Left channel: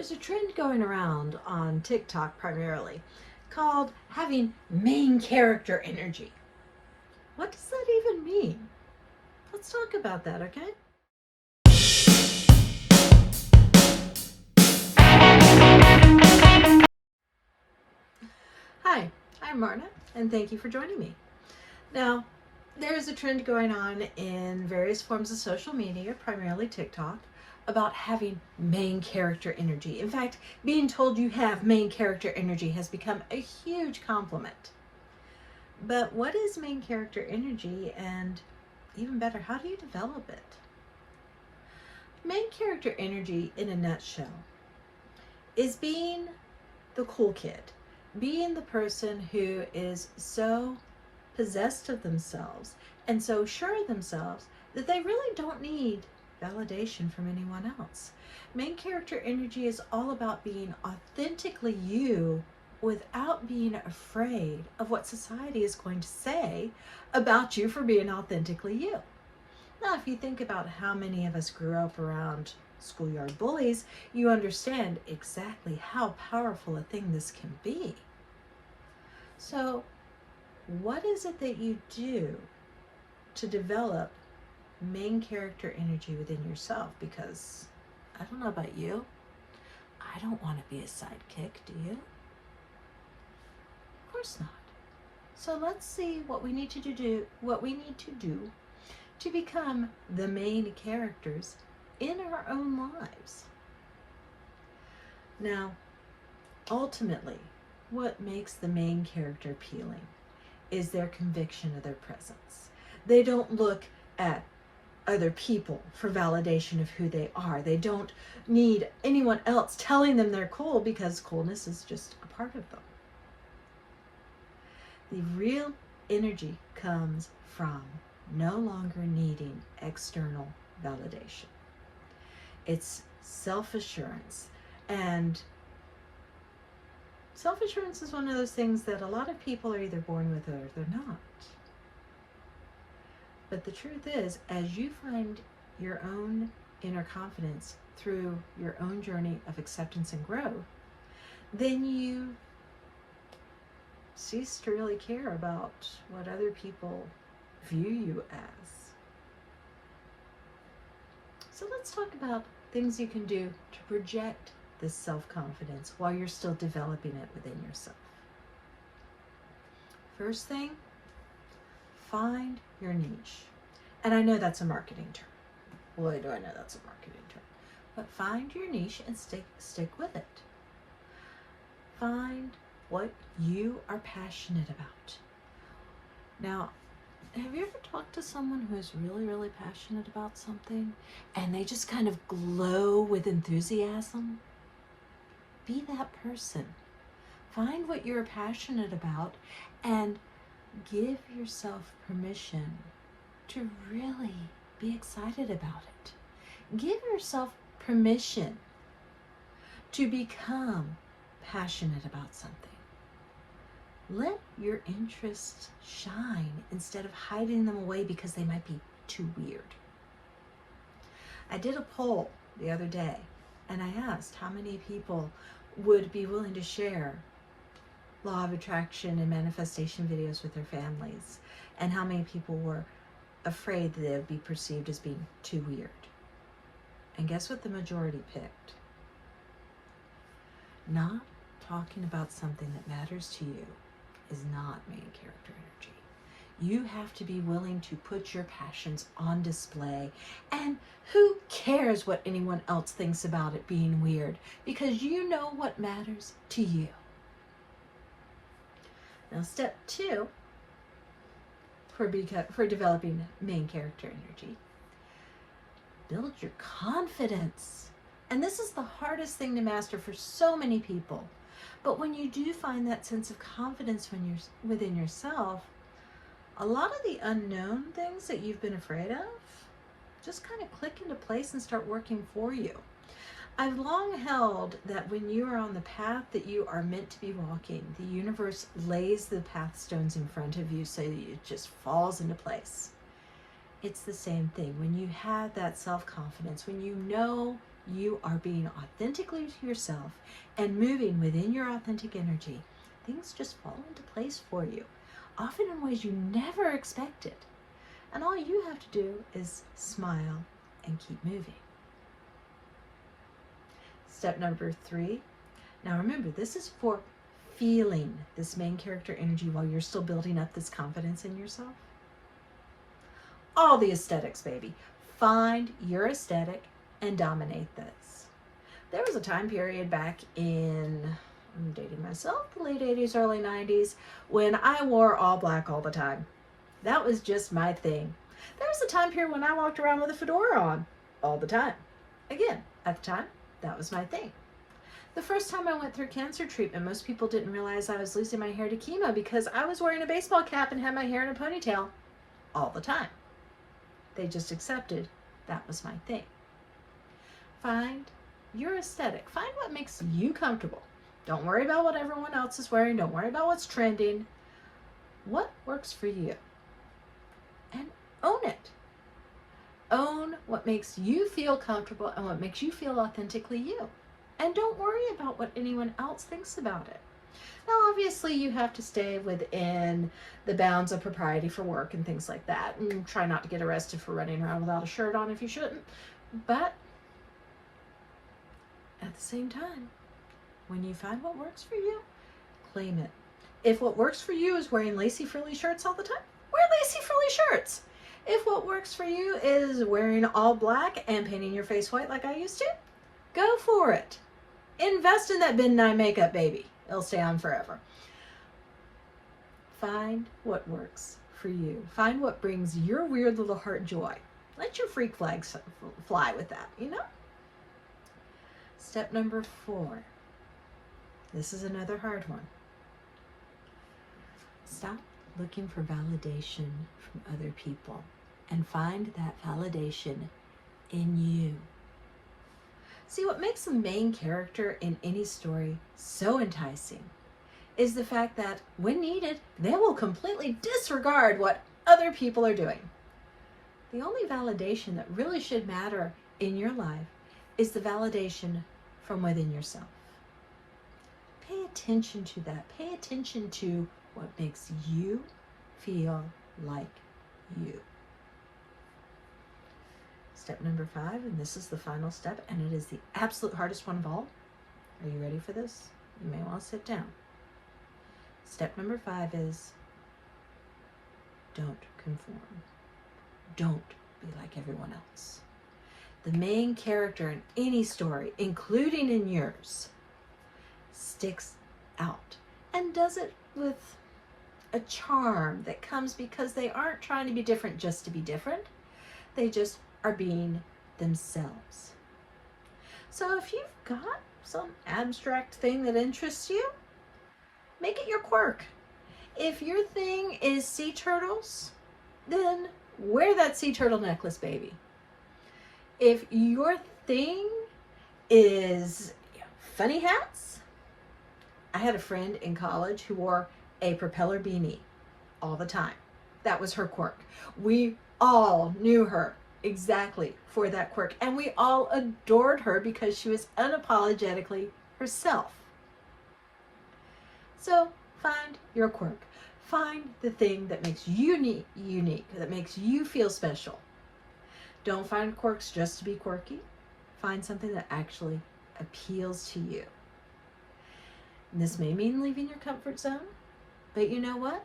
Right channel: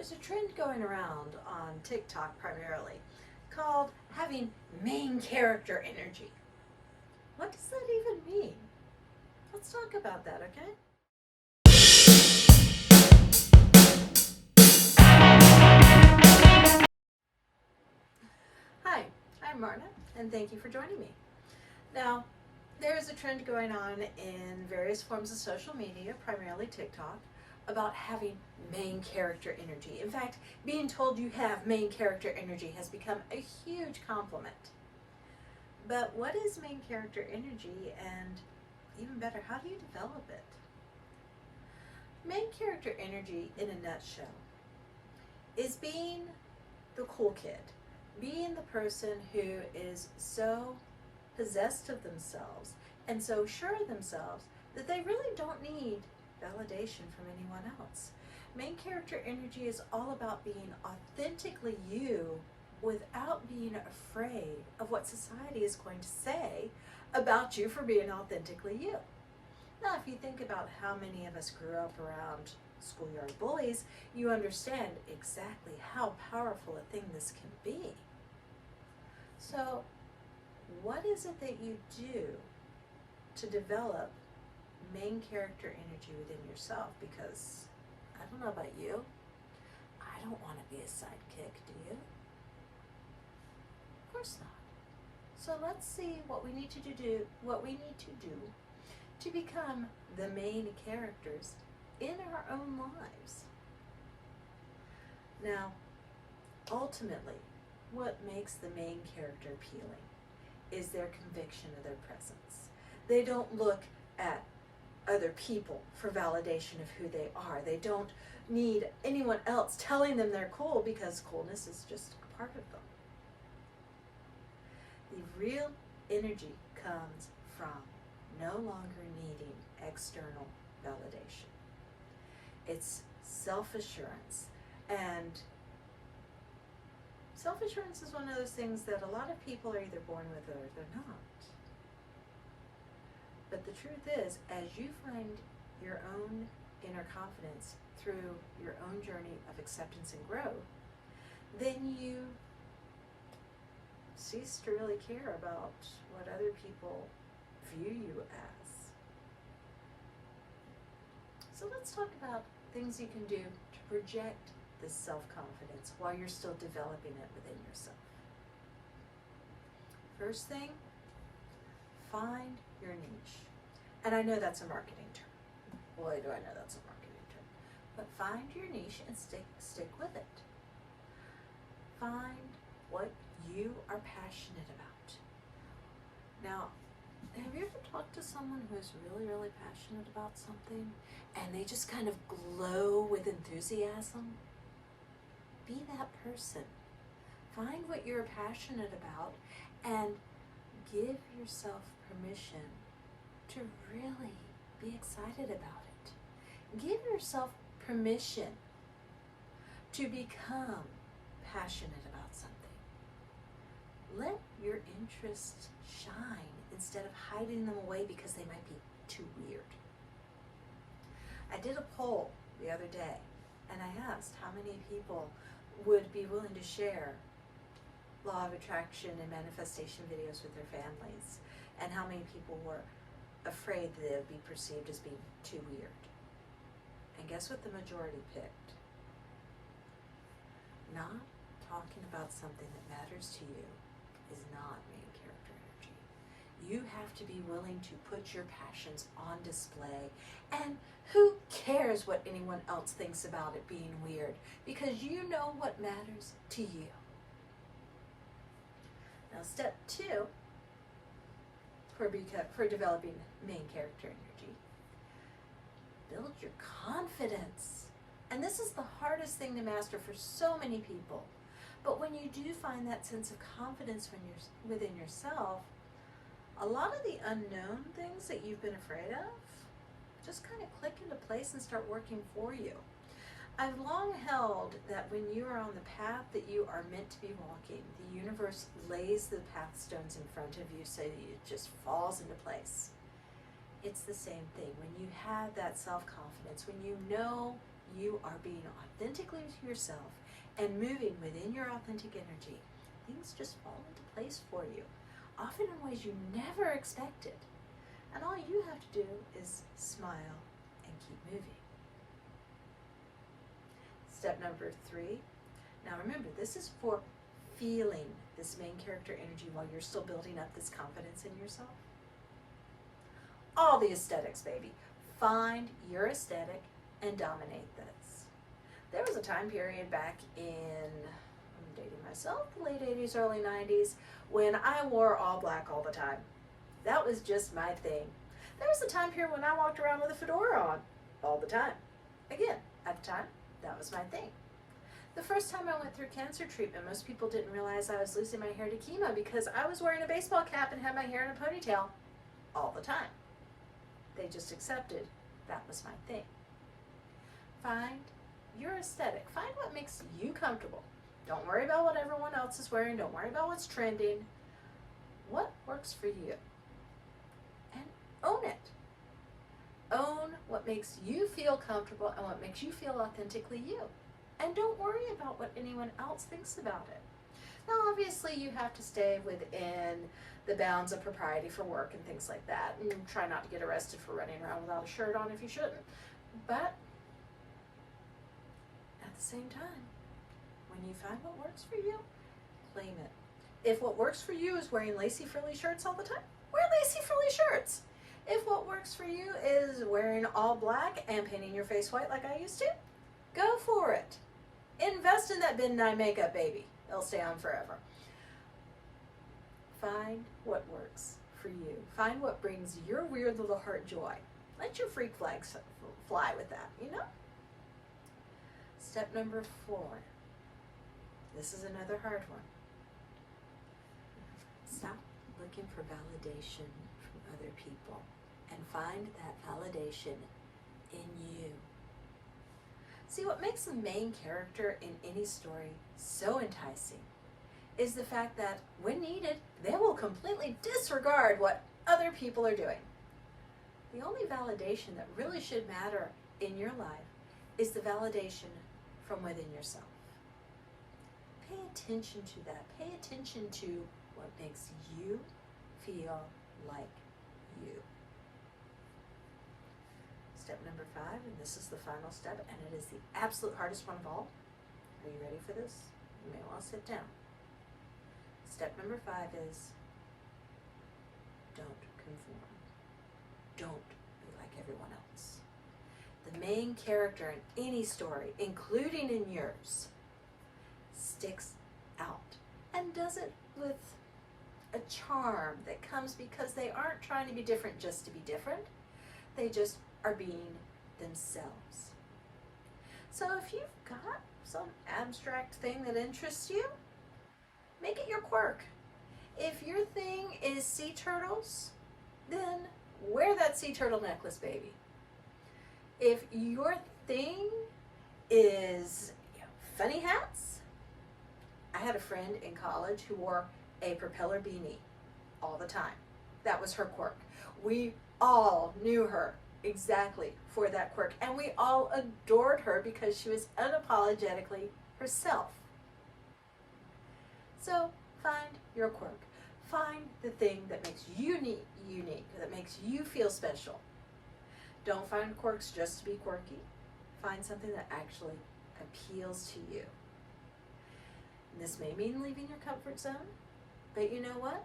There's a trend going around on TikTok primarily called having main character energy. What does that even mean? Let's talk about that, okay? Hi, I'm Marna, and thank you for joining me. Now, there's a trend going on in various forms of social media, primarily TikTok, about having main character energy. In fact, being told you have main character energy has become a huge compliment. But what is main character energy, and even better, how do you develop it? Main character energy, in a nutshell, is being the cool kid, being the person who is so possessed of themselves and so sure of themselves that they really don't need validation from anyone else. Main character energy is all about being authentically you without being afraid of what society is going to say about you for being authentically you. Now, if you think about how many of us grew up around schoolyard bullies, you understand exactly how powerful a thing this can be. So, what is it that you do to develop main character energy within yourself? Because I don't know about you, I don't want to be a sidekick, do you? Of course not. So let's see what we need to do to become the main characters in our own lives. Now, ultimately, what makes the main character appealing is their conviction of their presence. They don't look at other people for validation of who they are. They don't need anyone else telling them they're cool, because coolness is just a part of them. The real energy comes from no longer needing external validation. It's self-assurance. And self-assurance is one of those things that a lot of people are either born with or they're not. But the truth is, as you find your own inner confidence through your own journey of acceptance and growth, then you cease to really care about what other people view you as. So let's talk about things you can do to project this self-confidence while you're still developing it within yourself. First thing, find your niche. And I know that's a marketing term. Boy, do I know that's a marketing term. But find your niche and stick with it. Find what you are passionate about. Now, have you ever talked to someone who is really, really passionate about something and they just kind of glow with enthusiasm? Be that person. Find what you're passionate about and give yourself permission to really be excited about it. Give yourself permission to become passionate about something. Let your interests shine instead of hiding them away because they might be too weird. I did a poll the other day and I asked how many people would be willing to share law of attraction and manifestation videos with their families, and how many people were afraid that they would be perceived as being too weird. And guess what the majority picked? Not talking about something that matters to you is not main character energy. You have to be willing to put your passions on display, and who cares what anyone else thinks about it being weird, because you know what matters to you. Now, step 2 for developing main character energy, build your confidence. And this is the hardest thing to master for so many people. But when you do find that sense of confidence when you're within yourself, a lot of the unknown things that you've been afraid of just kind of click into place and start working for you. I've long held that when you are on the path that you are meant to be walking, the universe lays the path stones in front of you so that it just falls into place. It's the same thing. When you have that self-confidence, when you know you are being authentically yourself and moving within your authentic energy, things just fall into place for you, often in ways you never expected. And all you have to do is smile and keep moving. Step number 3. Now remember, this is for feeling this main character energy while you're still building up this confidence in yourself. All the aesthetics, baby. Find your aesthetic and dominate this. There was a time period back in, I'm dating myself, the late 80s, early 90s, when I wore all black all the time. That was just my thing. There was a time period when I walked around with a fedora on all the time. Again, at the time, that was my thing. The first time I went through cancer treatment, most people didn't realize I was losing my hair to chemo because I was wearing a baseball cap and had my hair in a ponytail all the time. They just accepted that was my thing. Find your aesthetic. Find what makes you comfortable. Don't worry about what everyone else is wearing. Don't worry about what's trending. What works for you? And own it. Own what makes you feel comfortable and what makes you feel authentically you. And don't worry about what anyone else thinks about it. Now, obviously, you have to stay within the bounds of propriety for work and things like that. And try not to get arrested for running around without a shirt on if you shouldn't. But at the same time, when you find what works for you, claim it. If what works for you is wearing lacy frilly shirts all the time, wear lacy frilly shirts. If what works for you is wearing all black and painting your face white like I used to, go for it. Invest in that bin 9 makeup, baby. It'll stay on forever. Find what works for you. Find what brings your weird little heart joy. Let your freak flags fly with that, you know? Step number 4. This is another hard one. Stop looking for validation from other people and find that validation in you. See, what makes the main character in any story so enticing is the fact that when needed, they will completely disregard what other people are doing. The only validation that really should matter in your life is the validation from within yourself. Pay attention to that. Pay attention to what makes you feel like you. Step number 5, and this is the final step, and it is the absolute hardest one of all. Are you ready for this? You may want to sit down. Step number 5 is don't conform. Don't be like everyone else. The main character in any story, including in yours, sticks out and does it with a charm that comes because they aren't trying to be different just to be different. They just are being themselves. So if you've got some abstract thing that interests you, make it your quirk. If your thing is sea turtles, then wear that sea turtle necklace, baby. If your thing is funny hats, I had a friend in college who wore a propeller beanie all the time. That was her quirk. We all knew her exactly for that quirk, and we all adored her because she was unapologetically herself. So find your quirk. Find the thing that makes you unique, that makes you feel special. Don't find quirks just to be quirky. Find something that actually appeals to you. And this may mean leaving your comfort zone, but you know what?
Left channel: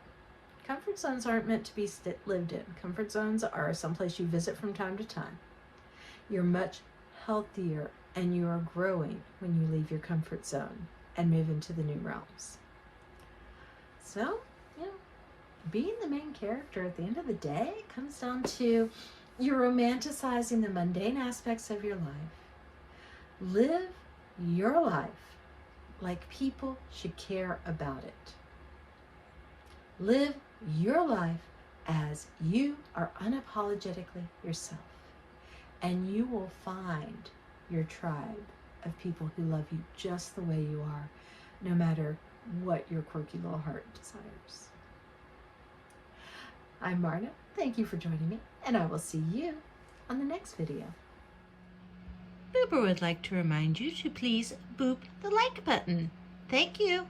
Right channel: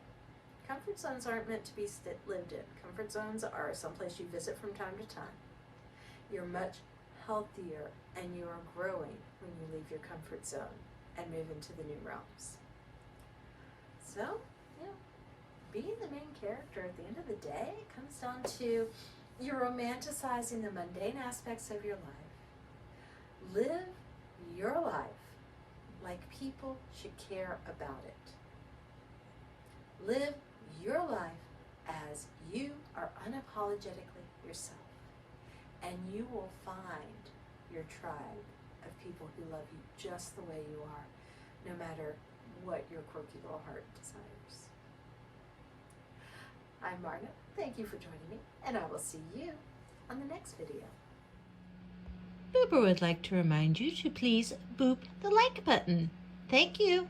Comfort zones aren't meant to be lived in. Comfort zones are someplace you visit from time to time. You're much healthier and you are growing when you leave your comfort zone and move into the new realms. So, being the main character at the end of the day comes down to you're romanticizing the mundane aspects of your life. Live your life like people should care about it. Live your life as you are unapologetically yourself, and you will find your tribe of people who love you just the way you are, no matter what your quirky little heart desires. I'm Marna. Thank you for joining me, and I will see you on the next video. Boober would like to remind you to please boop the like button. Thank you.